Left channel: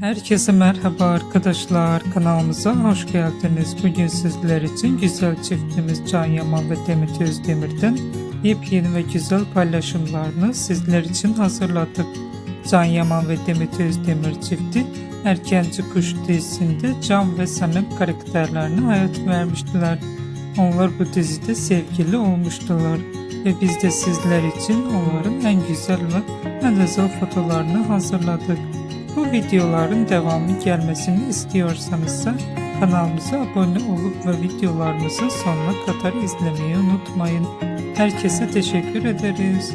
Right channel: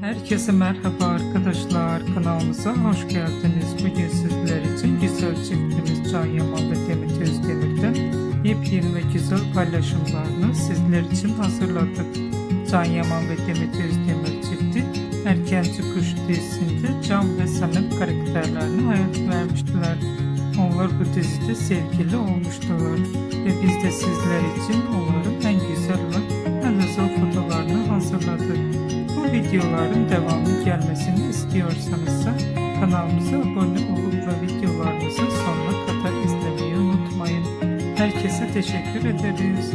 Herkese merhaba arkadaşlar, kanalımıza hoş geldiniz. Bugün sizler için güzel çiftimiz Can Yaman ve Demet Özdemir'den yepyeni ve güzel paylaşımlarını sizler için hazırladık. Can Yaman ve Demet Özdemir çifti Erkenci Kuş dizisinde Can ve Sanem karakterlerine hayat vermiştiler. Onlar bu dizide sevgili olmuştular ve biz de sizler için onların en güzel ve en özel fotolarını hazırladık. Bu videoların devamlı gelmesini istiyorsanız kanalımıza abone olup ve videolarımızı sonuna kadar izlemeyi unutmayın. Herkese teşekkür ederiz.